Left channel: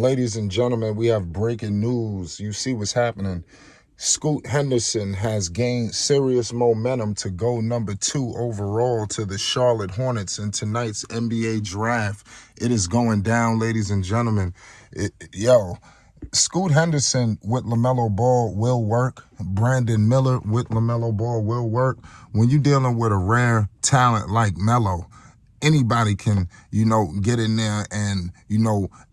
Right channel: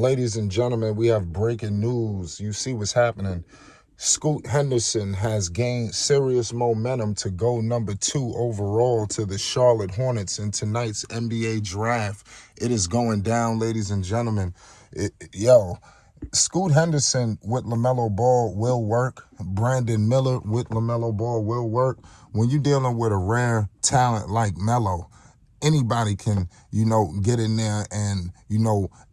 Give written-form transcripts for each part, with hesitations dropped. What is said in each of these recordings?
Ladies and gentlemen, we have breaking news. You see what's happening. Scoot Henderson has gained serious momentum to go #2 overall to the Charlotte Hornets in tonight's NBA draft. It is going down, ladies and gentlemen. Scoot Henderson with LaMelo Ball will work. Brandon Miller with LaMelo Ball will work. When you're dealing with a rare talent like Melo, anybody can, get in there and,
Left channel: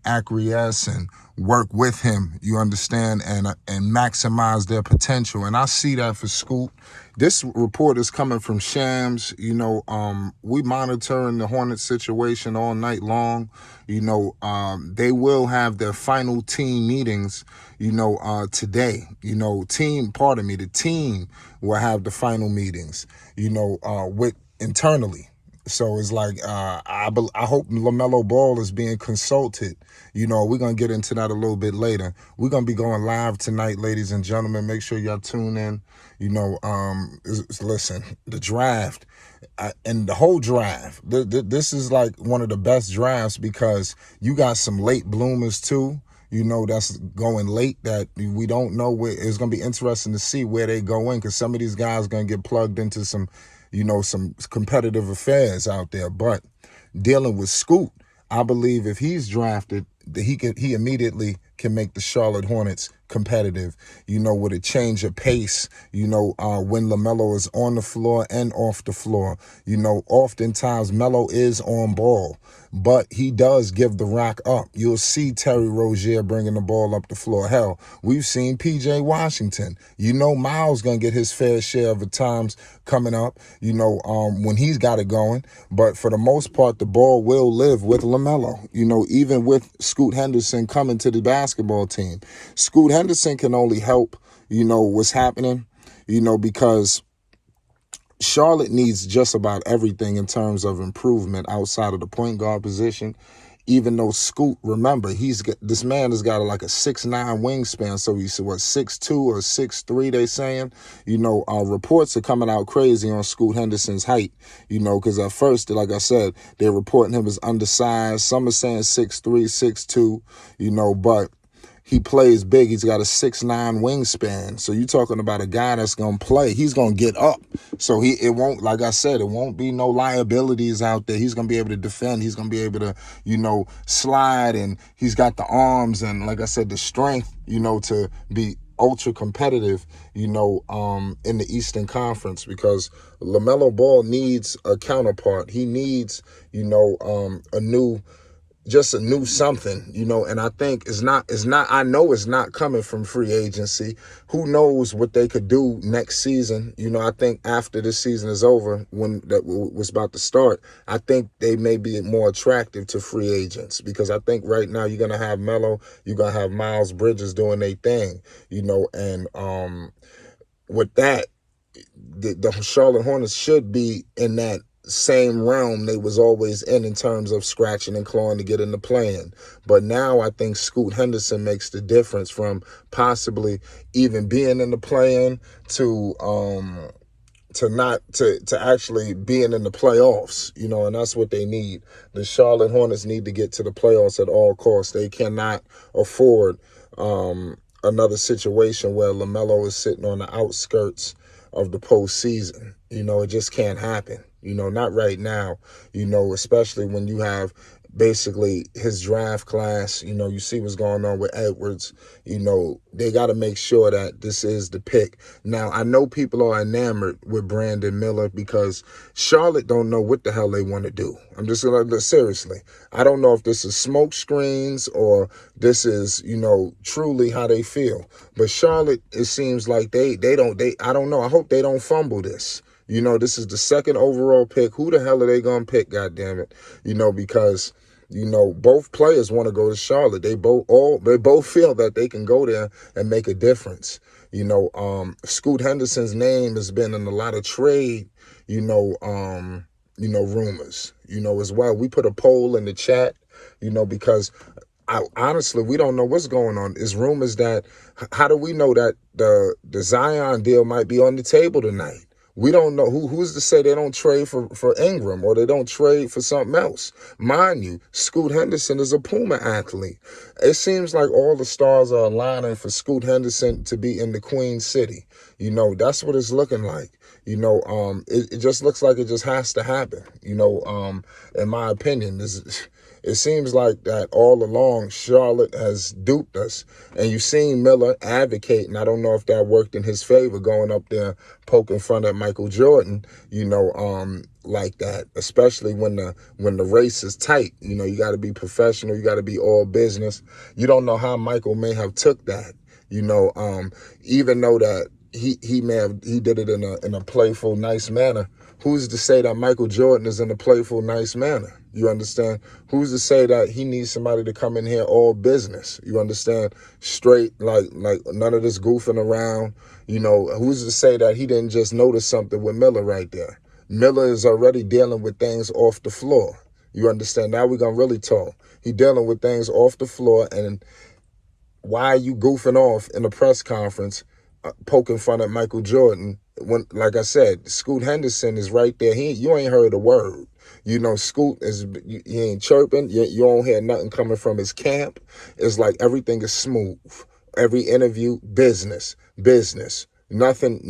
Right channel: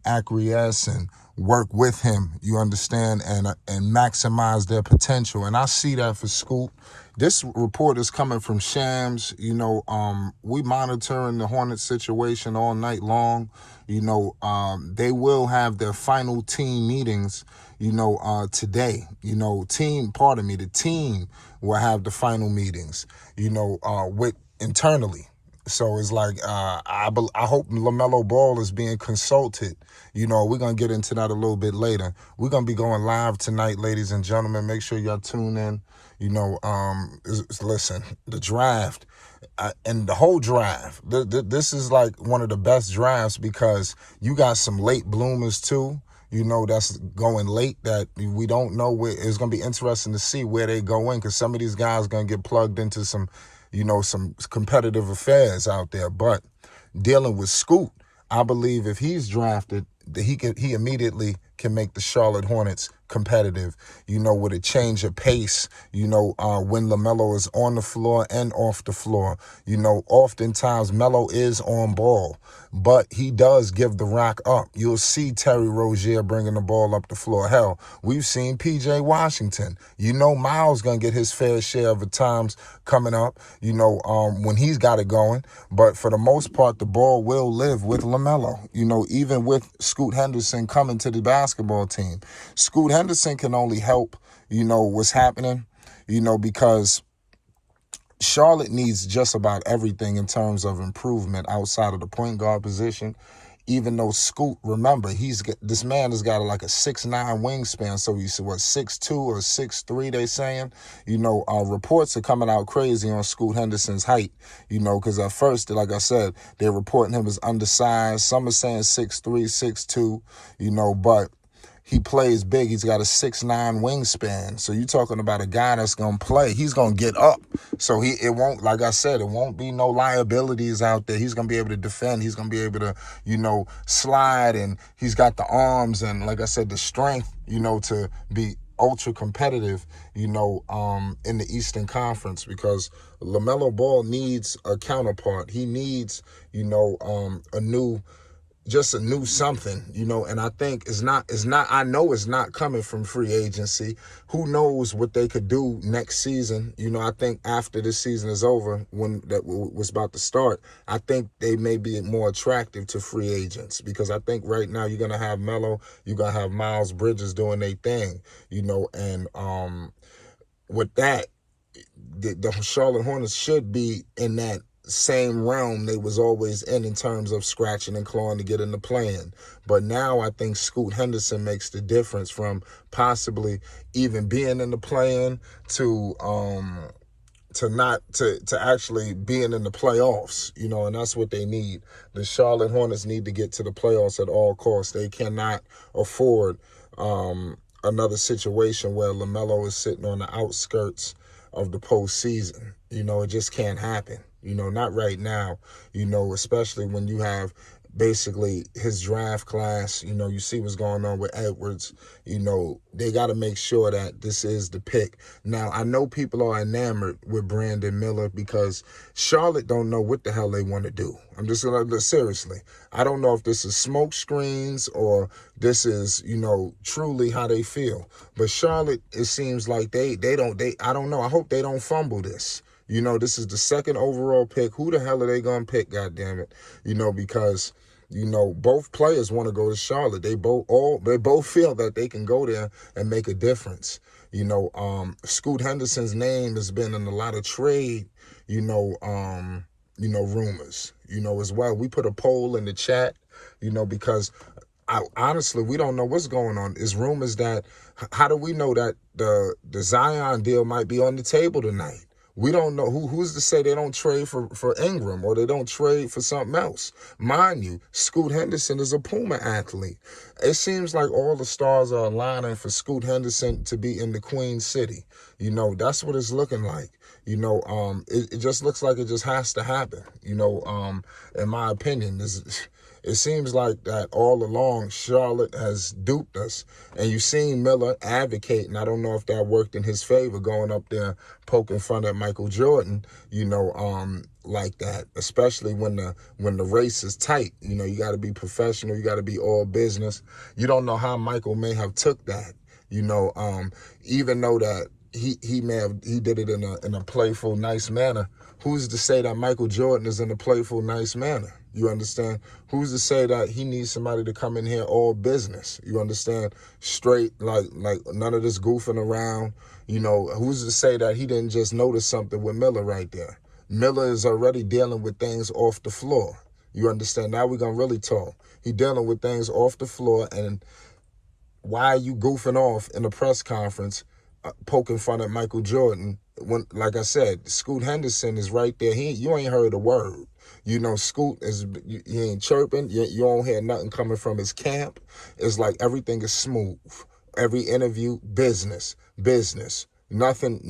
acquiesce and work with him, you understand, and maximize their potential. And I see that for Scoot. This report is coming from Shams. We monitoring the Hornets situation all night long. They will have their final team meetings, today. The team will have the final meetings, with internally. So it's like, I hope LaMelo Ball is being consulted. We're going to get into that a little bit later. We're going to be going live tonight, ladies and gentlemen. Make sure y'all tune in. Listen, the draft and the whole draft, this is like one of the best drafts because you got some late bloomers too. That's going late that we don't know where. It's going to be interesting to see where they go in because some of these guys are going to get plugged into some competitive affairs out there. But dealing with Scoot, I believe if he's drafted, he immediately can make the Charlotte Hornets competitive, with a change of pace, when LaMelo is on the floor and off the floor. Oftentimes Melo is on ball, but he does give the rock up. You'll see Terry Rozier bringing the ball up the floor. Hell, we've seen P.J. Washington. Miles going to get his fair share of the times coming up, when he's got it going. But for the most part, the ball will live with LaMelo, even with Scoot Henderson coming to the basketball team. Scoot Henderson can only help, what's happening, because Charlotte needs just about everything in terms of improvement outside of the point guard position. Even though Scoot, remember, this man has got like a 6'9" wingspan, so he's 6'2" or 6'3", they saying. Reports are coming out crazy on Scoot Henderson's height, because at first, like I said, they're reporting him as undersized. Some are saying 6'3", 6'2", but he plays big. He's got a 6'9" wingspan. So you're talking about a guy that's going to play. He's going to get up. So it won't, like I said, it won't be no liabilities out there. He's going to be able to defend. He's going to be able to, slide. And he's got the arms and, like I said, the strength, to be ultra competitive, in the Eastern Conference, because LaMelo Ball needs a counterpart. He needs, a new something, and I think I know it's not coming from free agency. Who knows what they could do next season? I think after this season is over, when that was about to start, I think they may be more attractive to free agents, because I think right now you're going to have Melo, you're going to have Miles Bridges doing their thing, and with that, the Charlotte Hornets should be in that same realm they was always in terms of scratching and clawing to get in the play-in. But now I think Scoot Henderson makes the difference from possibly even being in the play-in to actually being in the playoffs, and that's what they need. The Charlotte Hornets need to get to the playoffs at all costs. They cannot afford another situation where LaMelo is sitting on the outskirts of the postseason. It just can't happen. Not right now, especially when you have basically his draft class, you see what's going on with Edwards, they got to make sure that this is the pick. Now, I know people are enamored with Brandon Miller because Charlotte don't know what the hell they want to do. I'm just going to, seriously, I don't know if this is smoke screens or this is, truly how they feel. But Charlotte, it seems like I don't know. I hope they don't fumble this. This is the 2nd overall pick. Who the hell are they going to pick, goddammit? Because, both players want to go to Charlotte. They both feel that they can go there and make a difference. Scoot Henderson's name has been in a lot of trade, rumors, as well. We put a poll in the chat, because honestly, we don't know what's going on. It's rumors that, how do we know that the Zion deal might be on the table tonight? We don't know who's to say they don't trade for Ingram or they don't trade for something else. Mind you, Scoot Henderson is a Puma athlete. It seems like all the stars are aligning for Scoot Henderson to be in the Queen City. You know, that's what it's looking like. You know, it just looks like it just has to happen. You know, in my opinion, it seems like that all along Charlotte has duped us. And you've seen Miller advocating. I don't know if that worked in his favor, going up there poking fun at Michael Jordan, you know, like that, especially when the race is tight. You know, you got to be professional. You got to be all business. You don't know how Michael may have took that, you know, even though that he did it in a playful, nice manner. Who's to say that Michael Jordan is in a playful, nice manner? You understand? Who's to say that he needs somebody to come in here all business? You understand? Straight, like none of this goofing around. You know, who's to say that he didn't just notice something with Miller right there? Miller is already dealing with things off the floor. You understand? Now we're going to really talk. He dealing with things off the floor, and why are you goofing off in a press conference poking fun at Michael Jordan when, like I said, Scoot Henderson is right there. You ain't heard a word. You know, Scoot he ain't chirping. You don't hear nothing coming from his camp. It's like everything is smooth. Every interview, business. Nothing,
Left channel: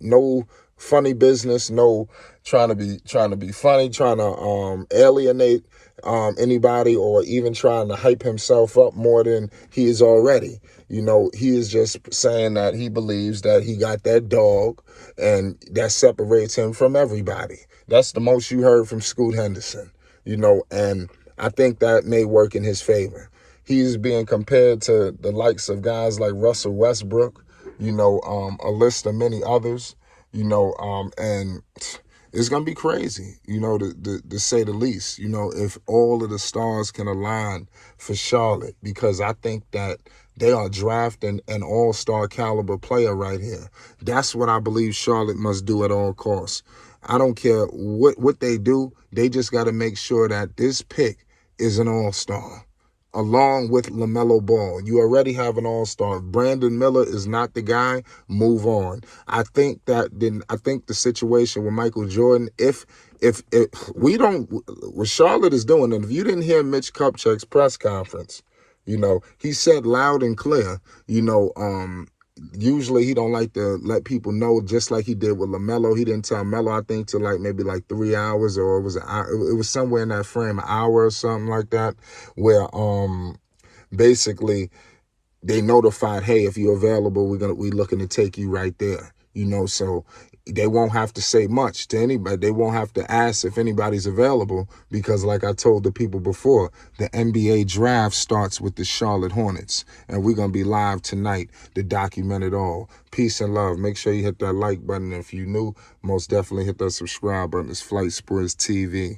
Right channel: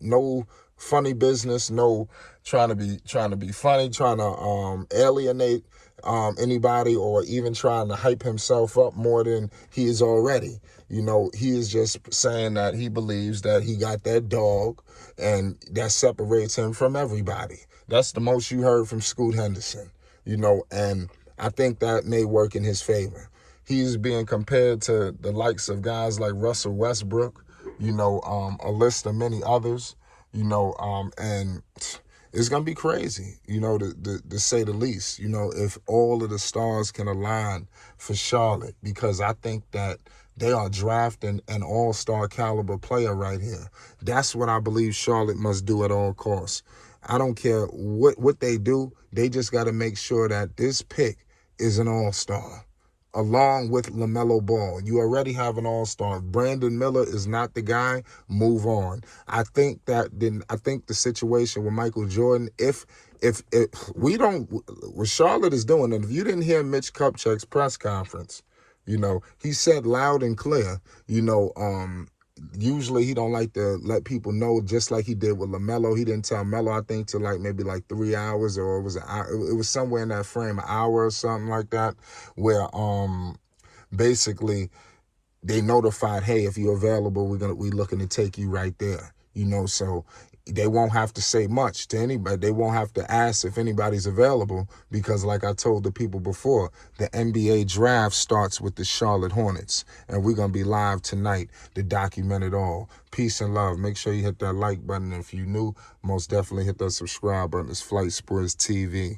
no funny business, no trying to be funny, trying to alienate anybody, or even trying to hype himself up more than he is already. You know, he is just saying that he believes that he got that dog, and that separates him from everybody. That's the most you heard from Scoot Henderson, you know, and I think that may work in his favor. He's being compared to the likes of guys like Russell Westbrook, you know, a list of many others, you know, and it's going to be crazy, you know, to say the least, you know, if all of the stars can align for Charlotte, because I think that they are drafting an all-star caliber player right here. That's what I believe Charlotte must do at all costs. I don't care what they do. They just got to make sure that this pick is an all-star, along with LaMelo Ball. You already have an all-star. Brandon Miller is not the guy. Move on. I think the situation with Michael Jordan, if we don't, what Charlotte is doing, and if you didn't hear Mitch Kupchak's press conference, you know, he said loud and clear, you know, usually he don't like to let people know, just like he did with LaMelo. He didn't tell Melo, I think, till maybe 3 hours, or it was somewhere in that frame, an hour or something like that, where basically they notified, hey, if you're available, we looking to take you right there. You know, so they won't have to say much to anybody. They won't have to ask if anybody's available, because like I told the people before, the NBA draft starts with the Charlotte Hornets, and we're going to be live tonight to document it all. Peace and love. Make sure you hit that like button. If you're new, most definitely hit that subscribe button. It's Flight Sports TV.